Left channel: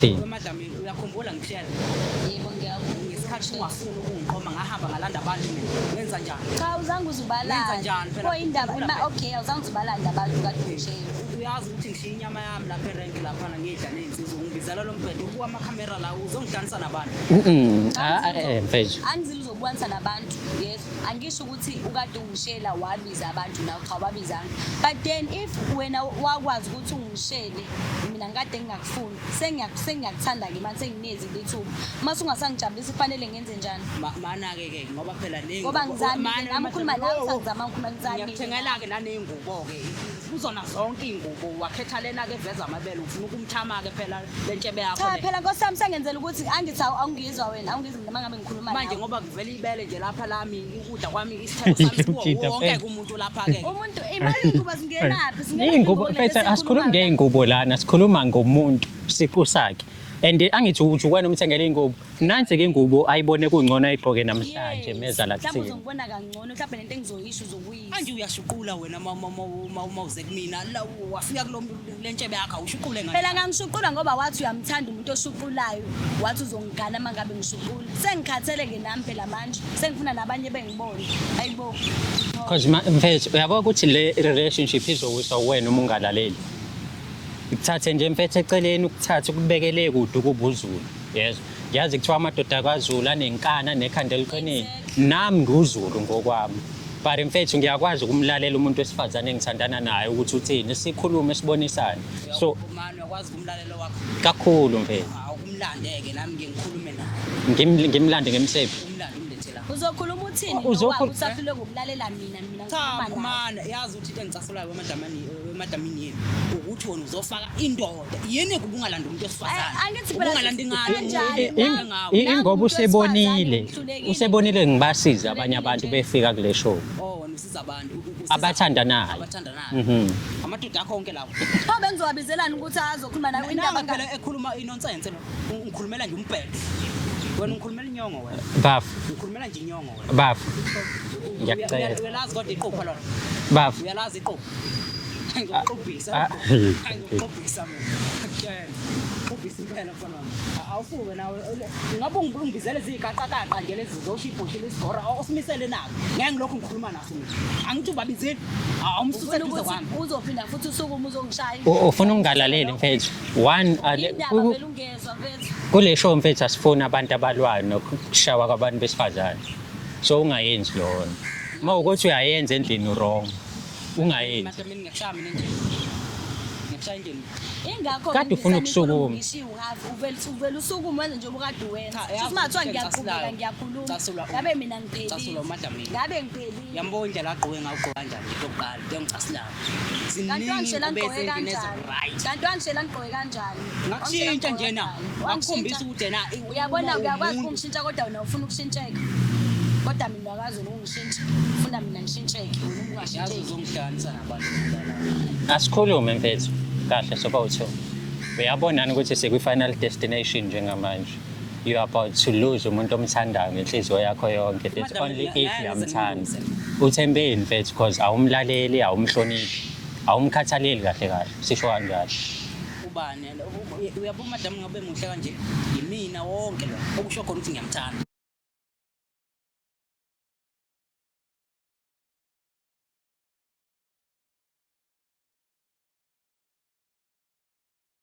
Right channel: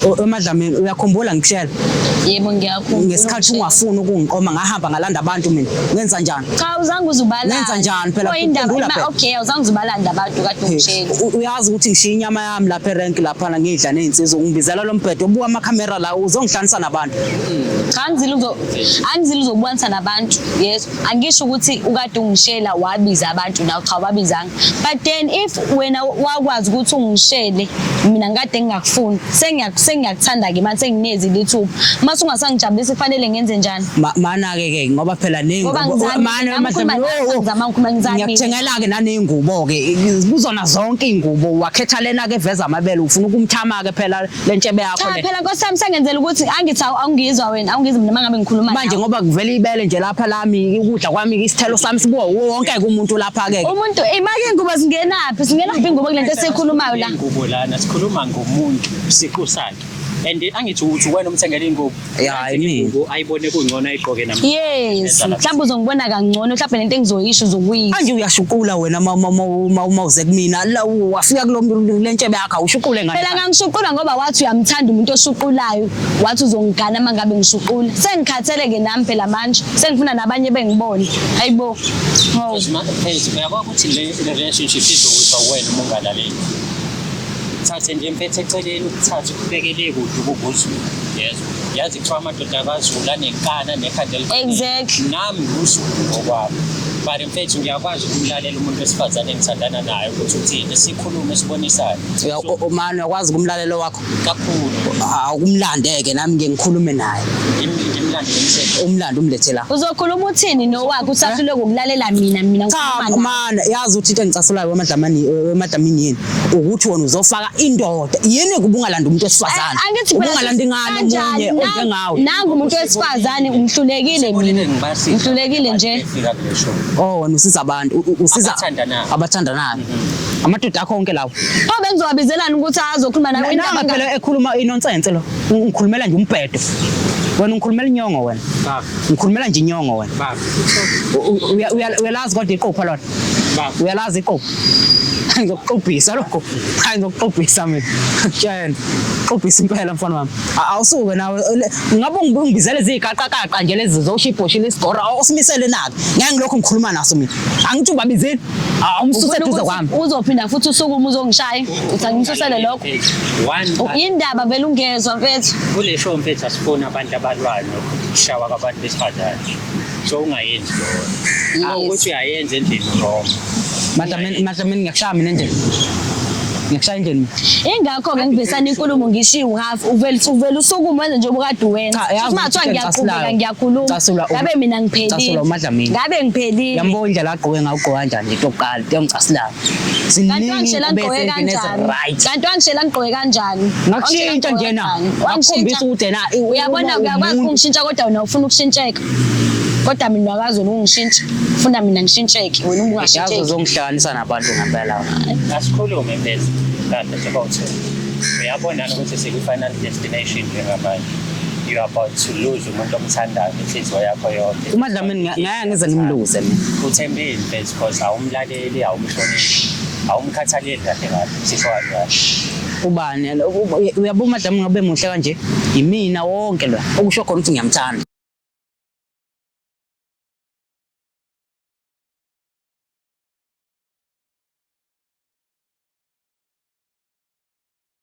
Emadlamini uyakhumbula ngikushela Yebo ngiyakhumbula. ngesikhathi ungafuni ukungiqoma ngahamba ngalanda abantu mina ngenza njani Cha uzange uzubala. Nenza njani phela? Ukhumbula phela. Okay uzange uzubalanda abantu kade ungishela. Uyazi ukuthi ngishiya inyama yami lapha erank lapha ngidla nezinsizwa ungibizela lo mbhedo ubuka amakhamera la uzongihlanisa nabantu Cha angizile uzobukanisa nabantu. Yes angisho ukuthi ukade ungishela wabiza abantu nawe cha wabizanga. But then if wena wakwazi ukuthi ungishele mina ngade ngingakufuni sengiyakuthanda ke manje senginezi lithuba mase ungasangijabulisa kufanele ngenze njani mana ke ngoba phela ngiyakuthengela ke naney'ngubo ke kuzona zonke iy'ngubo wakhetha lena ke veza amabele ufuna ukumthama ke phela lentshebe yakho cha phela Nkosi yami sengenzela ukuthi angithi awungizwa wena awungizwa mina mangabe ngikhuluma manje ngoba kuvela ibele nje lapha lami ukudla kwami isithelo sami sibuwa wonke umuntu lapha ke umuntu imake ingubo singenaphi ingubo kulento esikhulumayo la ingubo lana sikhuluma ngomuntu siqu sakhe and angithi uthi wena umthengele ingubo nansi ingubo ayibone kungcono ayigqoke namhlanje yes mhlawumbe uzongibona kangcono mhlawumbe lento engizoyisho uzokuyisho manje uyashuqula wena mawuze kumina la wafika kulentshebe yakho awushuqule ngayo phela ngangishuqula ngoba wathi uyamthanda umuntu oshuqulayo wathi uzongigana mangabe ngishuqula sengikhathele ke nami phela manje sengifuna nabanye bengibone hayibo because manje uyabona ukuthi le relationship izokuthi wena uma ungalaleli thathe nje mfethu eceleni ukuthatha ukubekele kude ukuzulu yezwa yazi kuthiwa amadoda akazulu anenkana nekhanda eliqinile nami nguzulu ngokwami but mfethu ngiyakwazi ukumlalela umuntu wesifazane engithandana naye ukuthi uthini sikhulume sibonisane manje uyakwazi ukumlalela wakho kakhulu awukumlandeke nami ngikhulume naye ngimlande ngemthetho umlando umlethe la uzokhuluma uthini nowakho usahlule ukulalela mina cha mana yazi ukuthi into engicasulayo emadlamini yini ukuthi wena uzofaka indoda yini kubungalanda umuntu wesifazane ubungalanda ingane omunye onjengawe nangu umuntu wesifazane umhlulekile ngihlulekile nje wena usiza abantu usiza abathandanayo amadoda akho onke lawo bengizowabizelana ukuthi azokhuluma nawe indaba phela ekhuluma inonsense lo ngikhulumela nje umbhedo wena ngikhulumela inyongo wena baba ngikhulumela nje inyongo wena baba uyalazi kodwa iqopha lona baba uyalazi iqopha ngizokuqobhisa lokho ngizokuqobhisa mina tshela qobhisa impela mfana wami awusuke nawe ngabe ungibizele iziqaqaqaqa nje lezi zoshibhoshile isigora awusimisele naki ngeke ngilokho ngikhuluma naso mina angithi ubabizeni awumsuse duze kwami uzophinda futhi usukuma uzongishaya ngizangisusele lokho indaba vele ungezwa mfethu kule show mfethu asifuna abantu abalwana ukushawa kwabantu besifazane so ungayenzi lokho awukuthi uyayenza endlini wrong manje ngiyakushaya mina endlini ngiyashaya endlini ingakho ngibesana inkulumo ngishiwo half uvela usukuma wenze nje obukade wena mathiwa ngiyaqhubeka ngiyakhuluma ngabe mina ngiphelile ngabe ngiphelile yambona indlela agqoke ngayo ugqoka kanjani nje oqala ngiyamcasulayo kanti wangishela ngigqoke kanjani kanti wangishela ngigqoke kanjani ngakushintsha nje na wakhombisa ukuthi na uyabona uyakwazi ukungishintsha kodwa wena ufuna ukushintsheka kodwa mina akazi ungishintsha ufuna mina ngishintsheke wena ungashintsheki yazi uzongihlanganisa nabantu ngempela asikhulume mfethu kahle sokuthi uyabonana ukuthi siku-final destination njengamanje you are about to lose umuntu omthandayo inhliziyo yakho yonke umadlamini ngaya ngize ngimluze mina uthembeni mfethu because awumlaleli awumhloniphi awumkhathaleli kahle kahle sisho kanjalo ubani uyabona umadlamini ngabe muhle kanje imina wonke lo okusho khona ukuthi ngiyamthanda